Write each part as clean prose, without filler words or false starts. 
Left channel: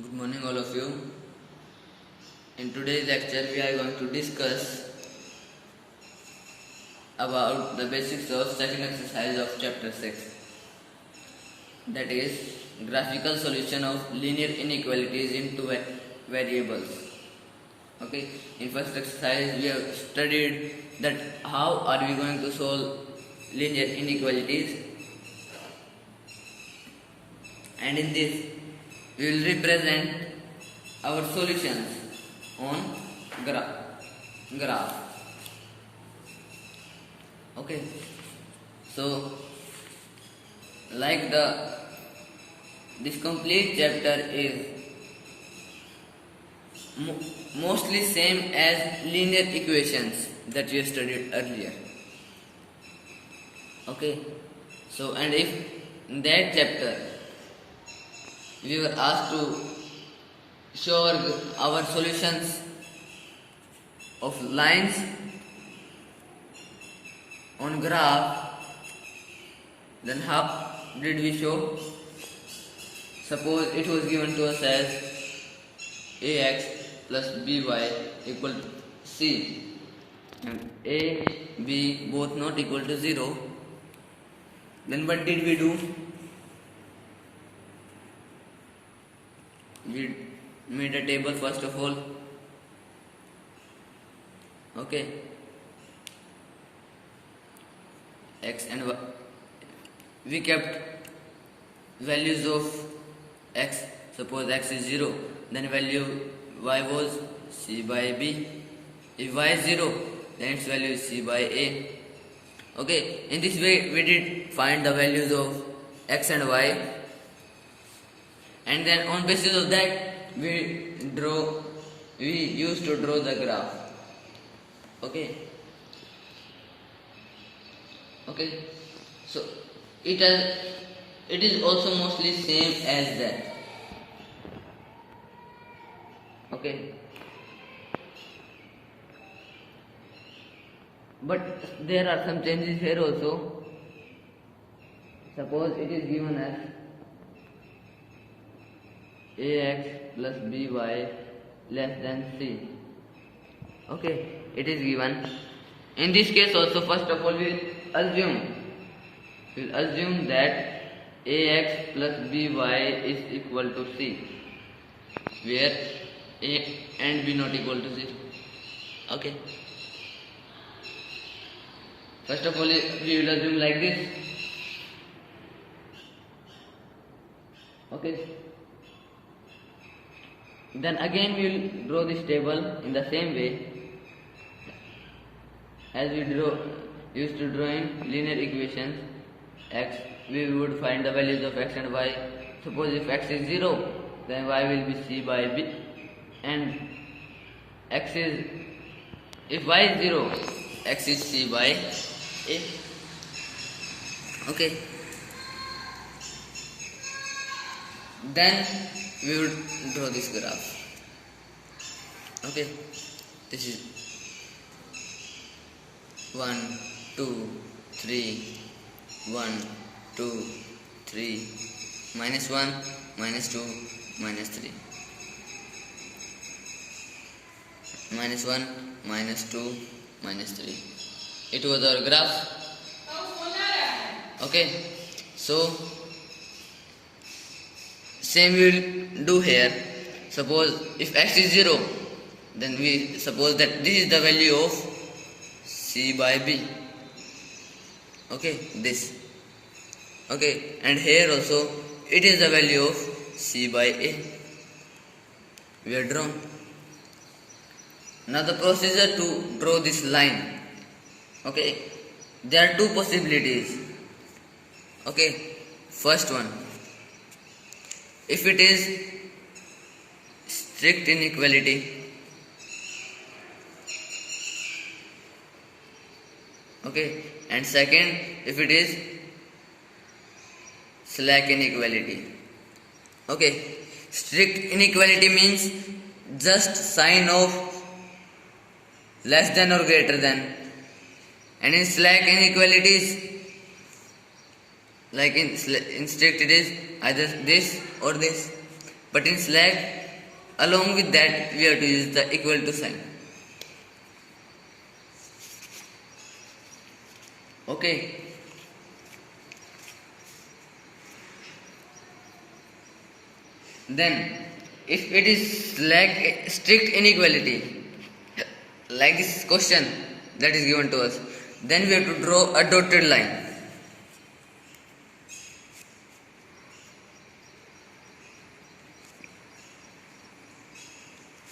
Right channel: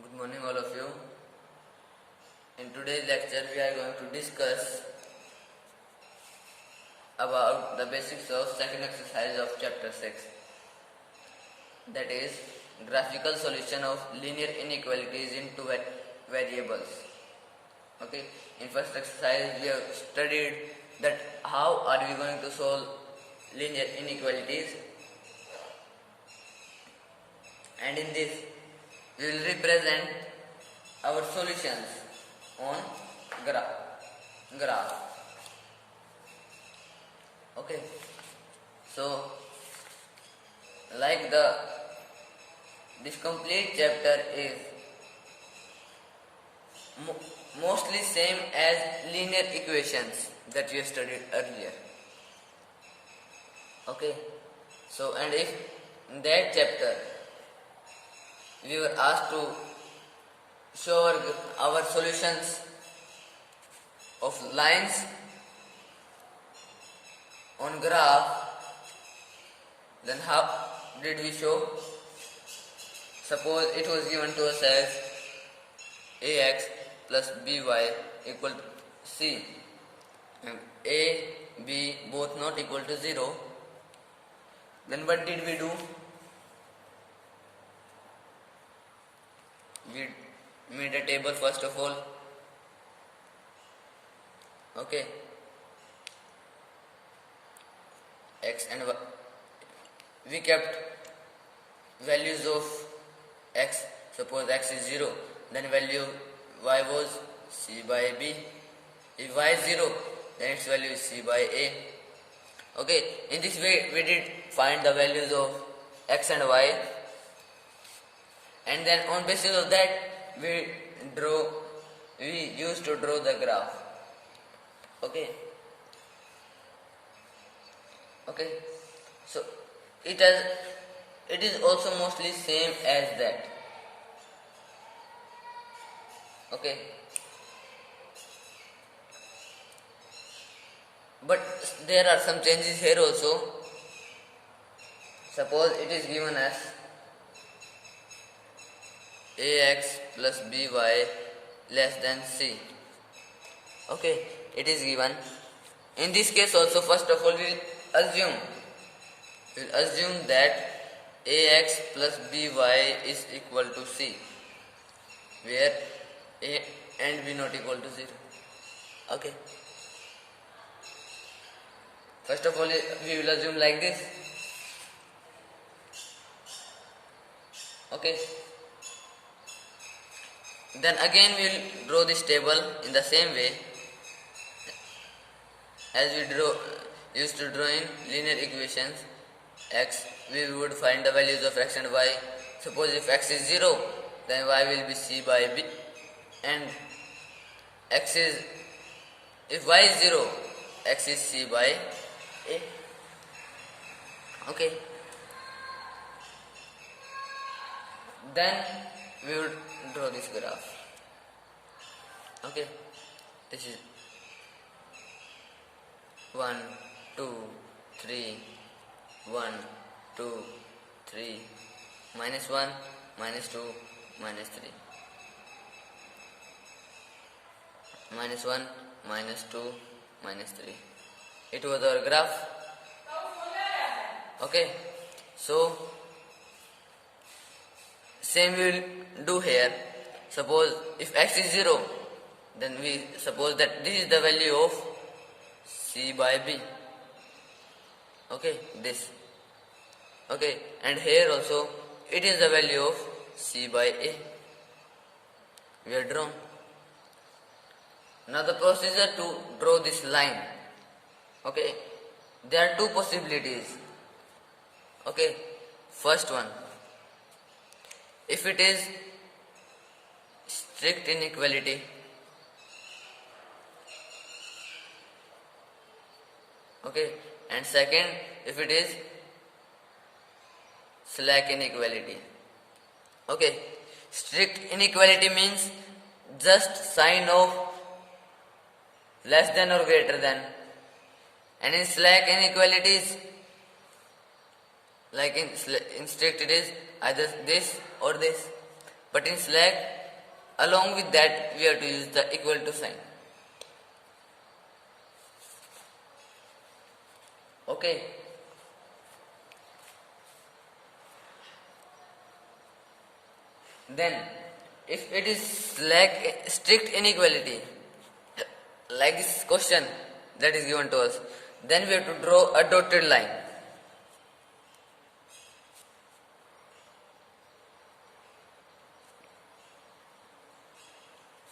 Good morning, all of you. In today's lecture, we are going to discuss about the basics of second exercise of chapter 6. That is, graphical solution of linear inequalities in two variables. Okay, in first exercise, we have studied that how are we going to solve linear inequalities, and in this, we will represent our solutions on graph. Okay, so like this complete chapter is mostly same as linear equations that we studied earlier. Okay, so and if in that chapter we were asked to show our solutions of lines on graph, then how did we show? Suppose it was given to us as ax plus by equal to c, and a, b both not equal to 0. Then what did we do? We made a table first of all. Okay, x and y. We kept values of x. Suppose x is 0, then value y was c by b. If y is 0, then its value is c by a. Okay, in this way we did find the values of x and y, and then on basis of that we used to draw the graph. Okay, so it is also mostly same as that. Okay, but there are some changes here also. Suppose it is given as ax plus by less than c. Okay, it is given. In this case also, first of all, we'll assume that ax plus by is equal to c, where a and b not equal to 0. Okay, first of all, we will assume like this. Okay, then again we will draw this table in the same way as we used to draw in linear equations. X, we would find the values of x and y. Suppose if x is 0, then y will be c by b, and if y is 0, x is c by a. Okay, then we will draw this graph. Okay, this is 1, 2, 3, 1, 2, 3, minus 1, minus 2, minus 3, minus 1, minus 2, minus 3. It was our graph. Okay, so same we will do here. Suppose if x is 0, then we suppose that this is the value of c by b. Okay, this. Okay, and here also it is the value of c by a. We are drawn. Now the procedure to draw this line. Okay, there are two possibilities. Okay, first one, if it is strict inequality. Okay, and second, if it is slack inequality. Okay, strict inequality means just sign of less than or greater than, and in slack inequalities, like in strict, it is either this or this. But in slack, along with that, we have to use the equal to sign. Okay. Then, if it is slack strict inequality, like this question that is given to us, then we have to draw a dotted line.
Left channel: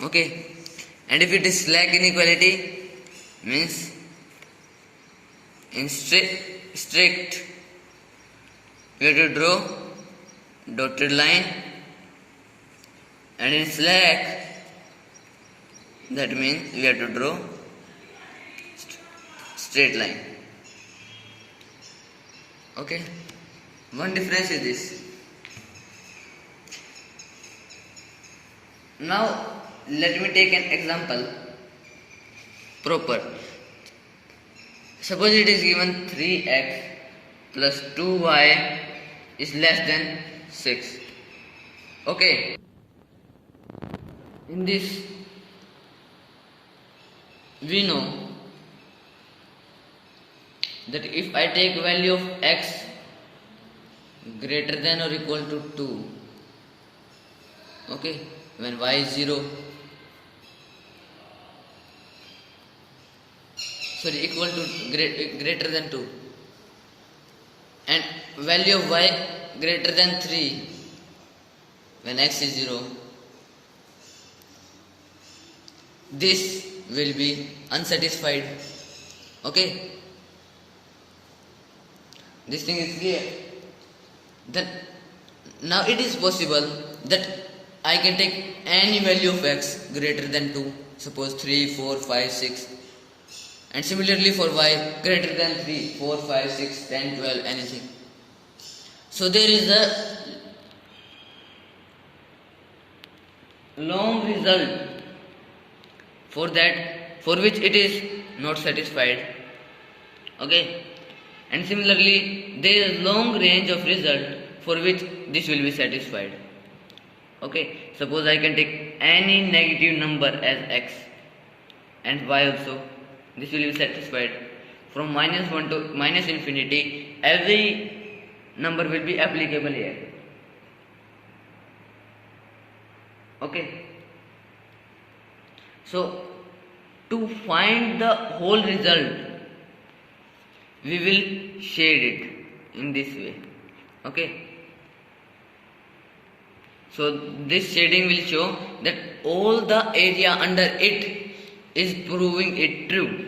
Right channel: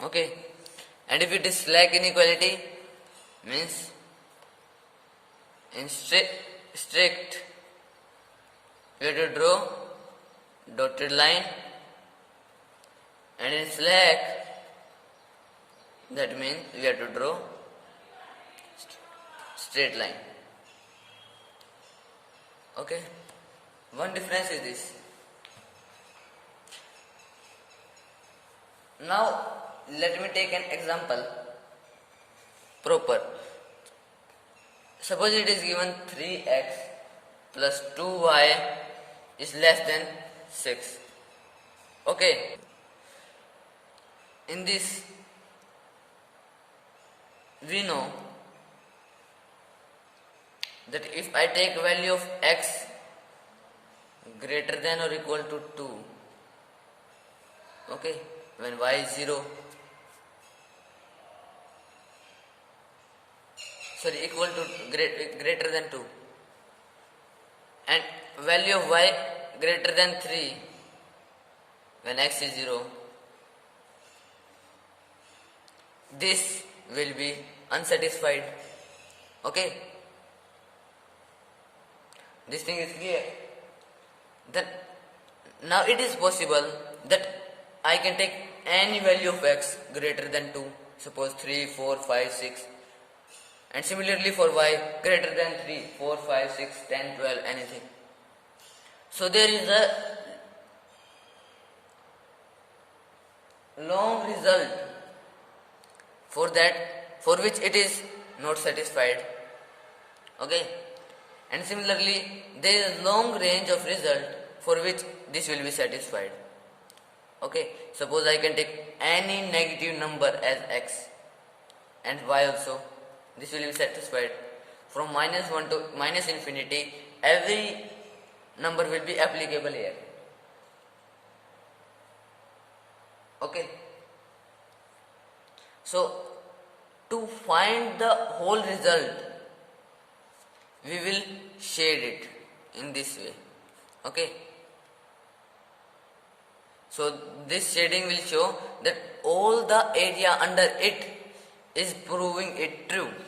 Okay, and if it is slack inequality, means in strict we have to draw dotted line, and in slack that means we have to draw straight line. Okay, one difference is this. Now let me take an example proper. Suppose it is given 3x plus 2y is less than 6. Okay, in this we know that if I take value of x greater than or equal to 2, okay, when y is 0, sorry, equal to greater than 2, and value of y greater than 3 when x is 0, this will be unsatisfied. Okay, this thing is clear. Then now it is possible that I can take any value of x greater than 2, suppose 3, 4, 5, 6, and similarly for y greater than 3, 4, 5, 6, 10, 12, anything. So there is a long result for that, for which it is not satisfied. Okay, and similarly there is a long range of result for which this will be satisfied. Okay, suppose I can take any negative number as x and y also, this will be satisfied. From minus 1 to minus infinity, every number will be applicable here. Okay, so to find the whole result, we will shade it in this way. Okay, so this shading will show that all the area under it is proving it true.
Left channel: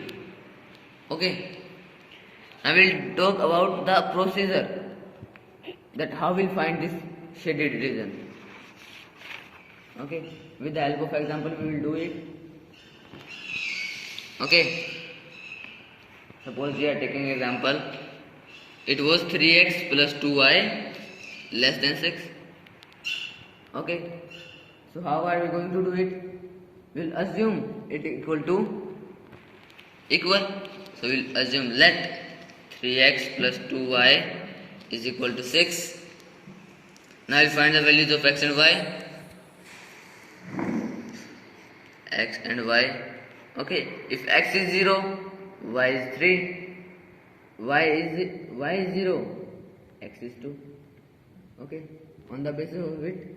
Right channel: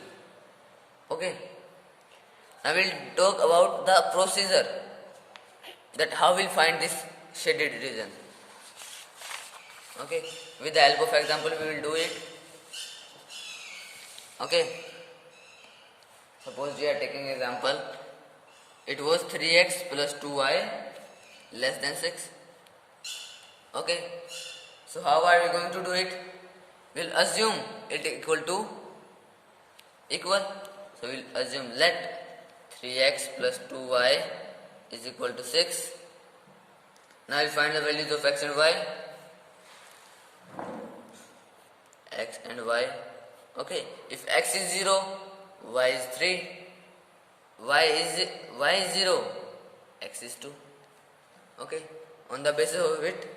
Okay, I will talk about the procedure, that how we'll find this shaded region. Okay, with the help of example we will do it. Okay, suppose we are taking example, it was 3x plus 2y less than 6. Okay, so how are we going to do it? We'll assume it equal to equal. So we'll assume let 3x plus 2y is equal to 6. Now we'll find the values of x and y. X and y. Okay, if x is 0, y is 3, y is 0, x is 2. Okay, on the basis of it,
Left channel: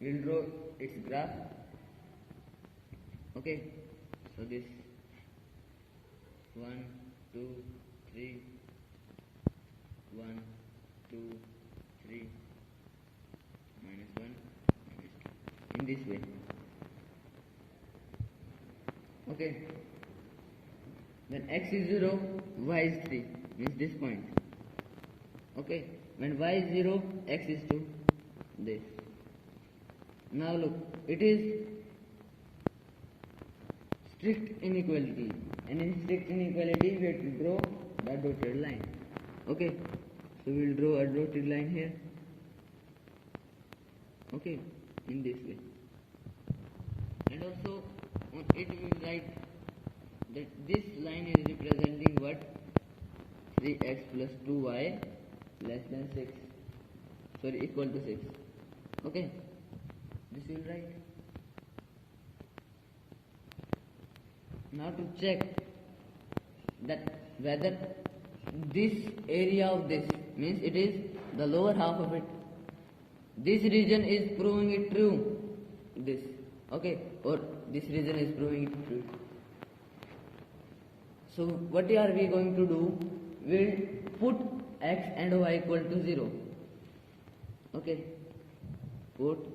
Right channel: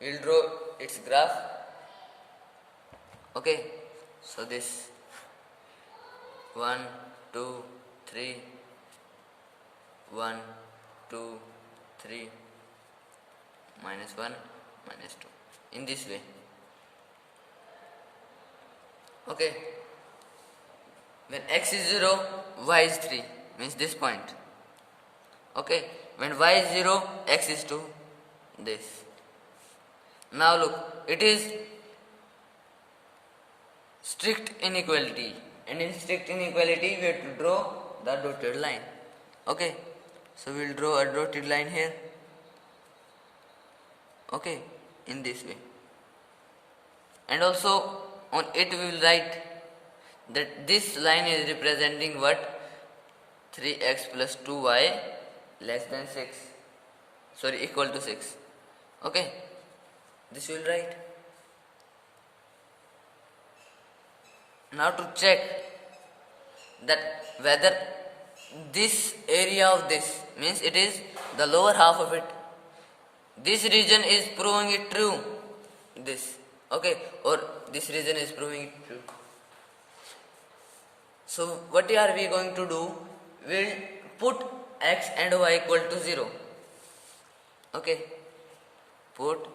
we'll draw its graph. Okay, so this 1, 2, 3, 1, 2, 3, minus 1, minus 2, in this way. Okay, when x is 0, y is 3, means this point. Okay, when y is 0, x is 2, this. Now look, it is strict inequality, and in strict inequality we have to draw the dotted line. Okay, so we will draw a dotted line here. Okay, in this way, and also on it we will write that this line is representing what? 3x plus 2y less than 6. sorry, equal to 6. Okay, this will write. Now to check that whether this area of this means it is the lower half of it, this region is proving it true, this, okay, or this region is proving it true. So what are we going to do? We'll put x and y equal to 0. Okay, put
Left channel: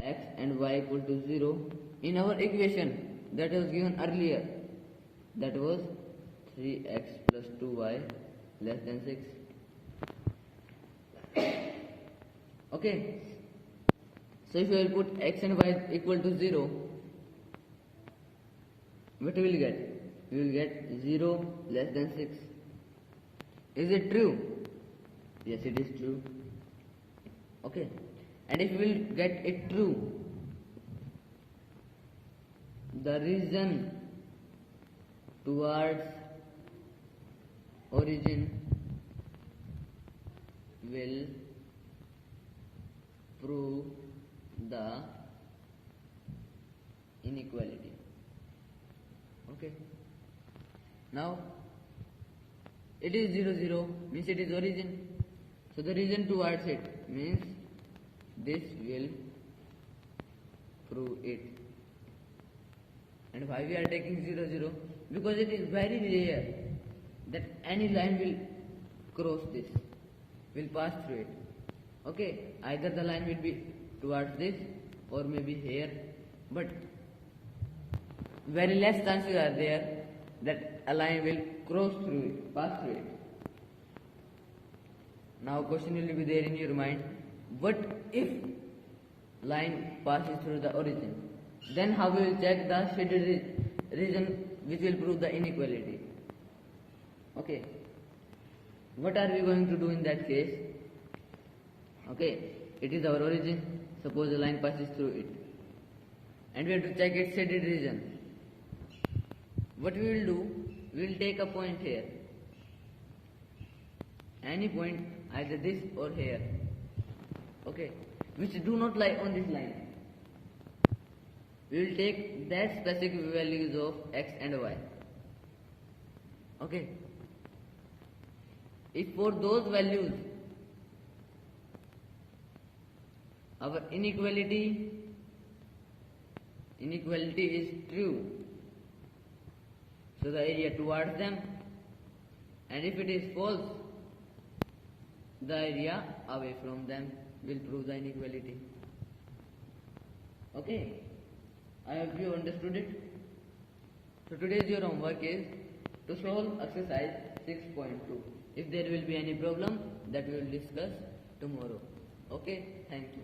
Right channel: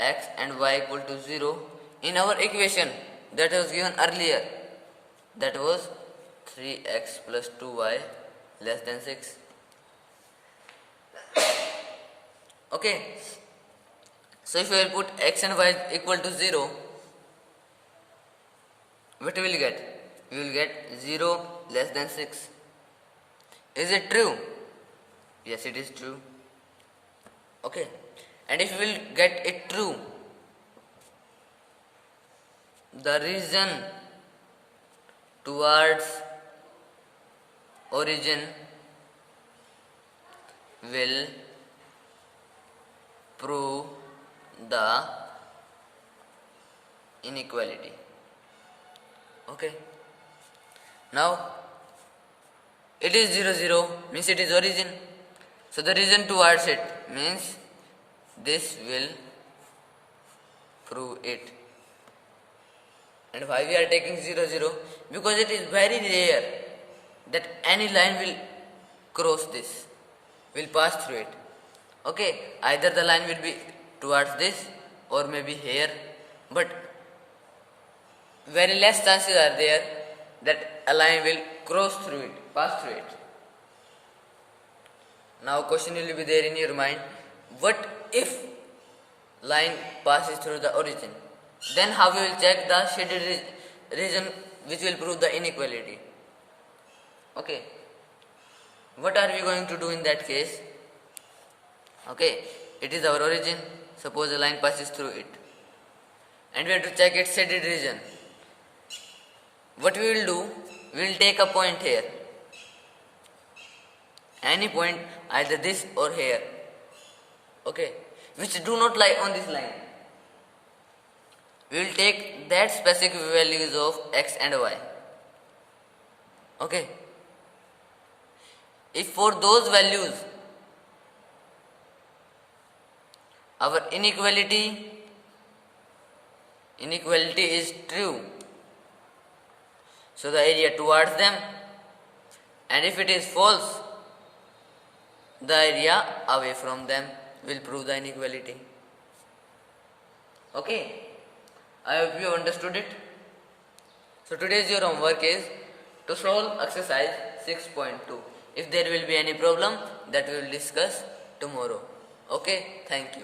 x and y equal to 0 in our equation that was given earlier, that was 3x plus 2y less than 6. Okay, so if we will put x and y equal to 0, what we will get? We will get 0 less than 6. Is it true? Yes, it is true. Okay, and if we will get it true, the region towards origin will prove the inequality. Okay, now it is 0 0 means it is origin, so the region towards it means this will prove it. And why we are taking 0 0? Because it is very rare that any line will cross this, will pass through it. Okay, either the line will be towards this or maybe here, but very less chances are there that a line will cross through it, pass through it. Now question will be there in your mind, what if line passes through the origin? Then how we will check the shaded region which will prove the inequality? Okay, what are we going to do in that case? Okay, it is our origin, suppose a line passes through it, and we have to check its shaded region. What we will do, we will take a point here, any point, either this or here, okay, which do not lie on this line. We will take that specific values of x and y. Okay, if for those values our inequality is true, so the area towards them, and if it is false, the area away from them will prove the inequality. Okay, I hope you understood it. So today's your homework is to solve exercise 6.2. If there will be any problem, that we will discuss tomorrow. Okay, thank you.